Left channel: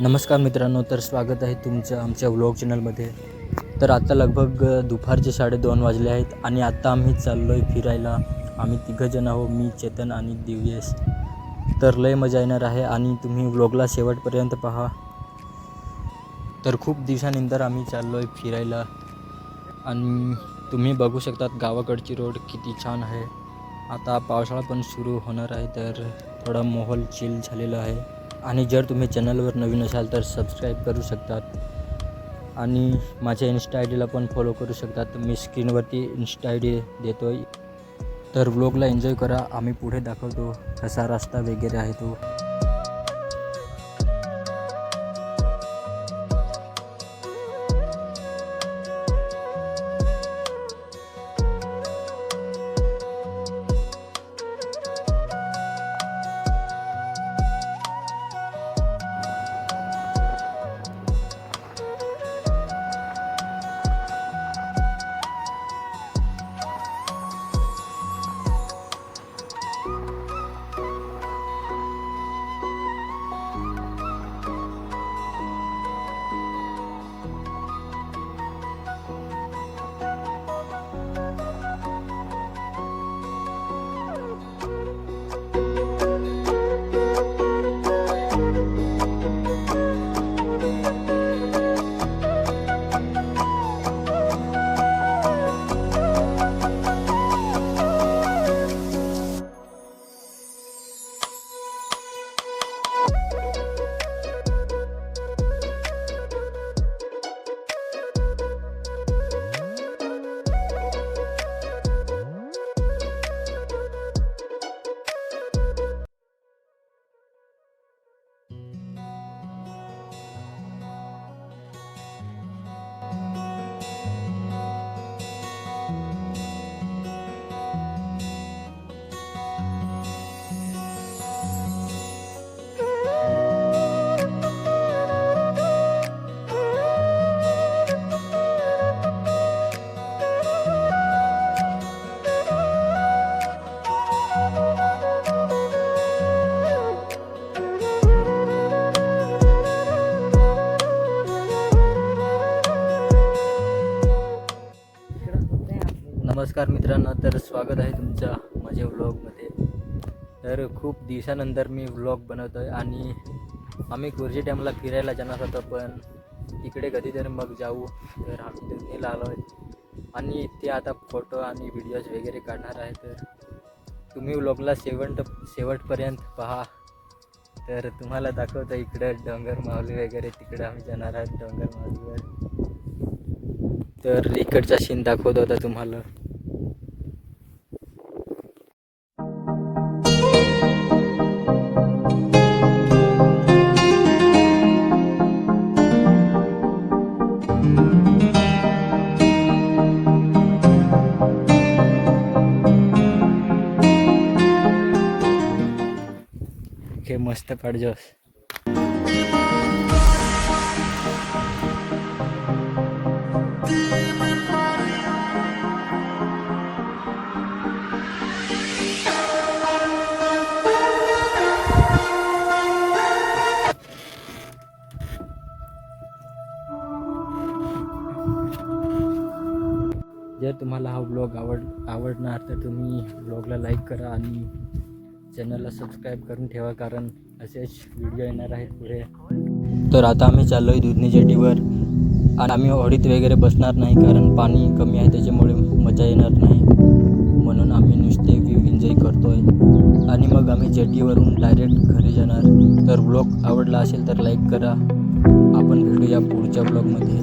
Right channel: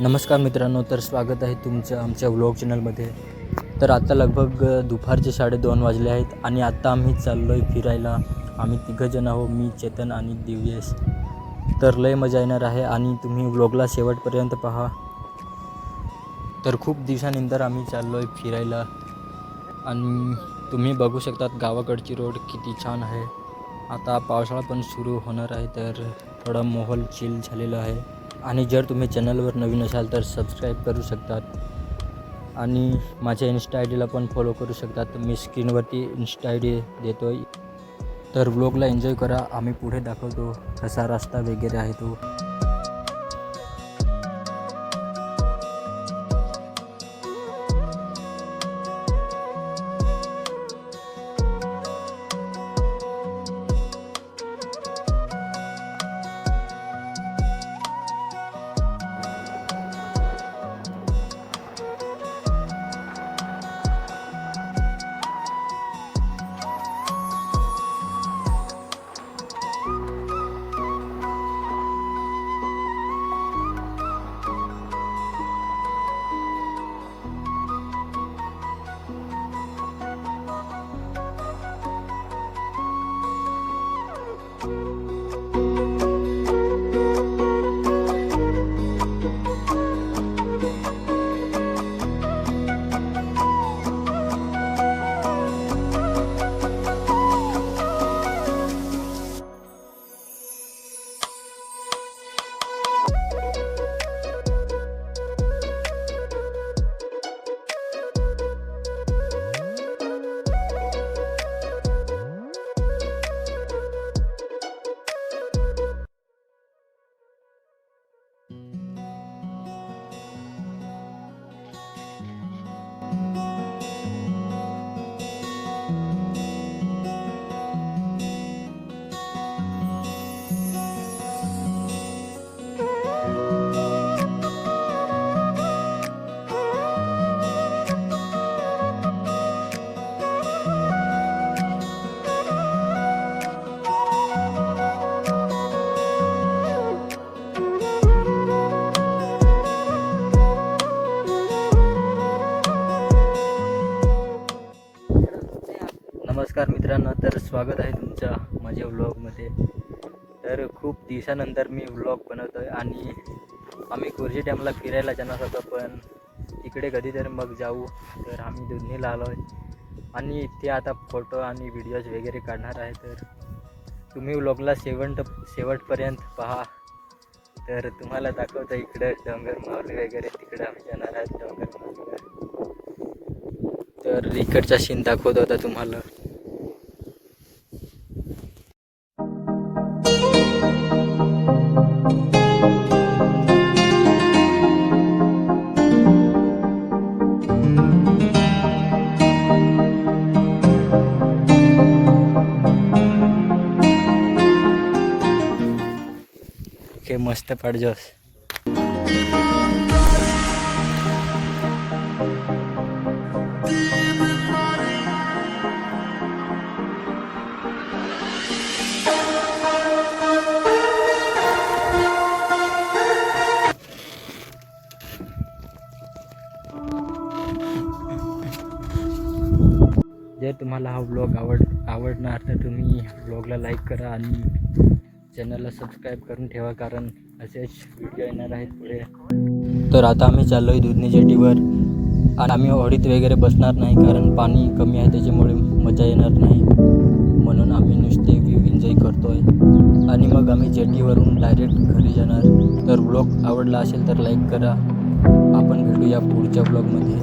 नमस्कार मित्रांनो, तर स्वागत आहे तुमचं आमच्या व्लॉग चॅनलमध्ये. तर आता लगभग दुपारचे 2:30 वाजले आहेत आणि आता आम्ही चाललो आहे फिरायला. आम्ही तिघंजण आहो, मी, चेतन आणि दिव्येश. तर लय मजा येणार आहे आणि तुम्ही व्लॉगला शेवटपर्यंत पहा. तर खूप दिवसानंतर आम्ही चाललो आहे फिरायला आणि तुम्ही बघू शकतात गावाकडची रोड किती छान आहे. आता पावसाळा पण सुरू होणार आहे, तर थोडा माहोल चिल झालेला आहे. आणि जर तुम्ही चॅनलवर नवीन असाल तर सबस्क्राईब करू शकतात आणि माझ्या इन्स्टा आय डीला पण फॉलो करू शकतात. मी स्क्रीनवरती इन्स्टा आय डी देतो आहे. तर व्लॉगला एन्जॉय करा. आम्ही पुढे दाखवतो कसा रस्ता वगैरे आहे तो. नमस्कार मित्रांनो, तर स्वागत आहे तुमच्या माझ्या व्लॉगमध्ये. तर खूप दिवसानंतर मी व्लॉग बनवतो आहे आणि आम्ही कुर्जी डॅमला फिरायला जाणार होतो, पण तिकडे कधीतरी मग जाऊ. तर आम्ही दोन्हीला आलो आहे आणि ते आता फोटो आणि व्हिडिओज वगैरे काढणार आहे. तर तुम्ही व्लॉगला शेवटपर्यंत पहा. तर तुम्हाला दाखवतो इकडं डोंगर माहुली वगैरे, तिकडे आम्ही जाणार आहे डोंगर माहुलीवर. तर इकडचा सीन दाखवतो आता तुम्हाला. हे मस्त पाडजोस. जर तुम्हाला हा व्लॉग आवडणार तर तुम्ही व्लॉगला लाईक करा आणि चॅनलला सबस्क्राईब करून ठेवा, कारण असेच व्हिडिओ येणार आहेत पुढे. तर आता आम्ही चाललो आहे दुधनी जेटीवर आणि आम्ही होडीत वगैरे बसणार नाही, कारण पाणी कमी आहे त्याच्यामुळे मजा येणार नाही. म्हणून आम्ही नुसते व्ह्यू एन्जॉय करतो आहे आणि मग आम्ही जेटीवरून डायरेक्ट घरी जाणार. तर व्लॉग आवडला असेल तर लाईक करा. आपण भेटूया पुढच्या व्लॉगमध्ये.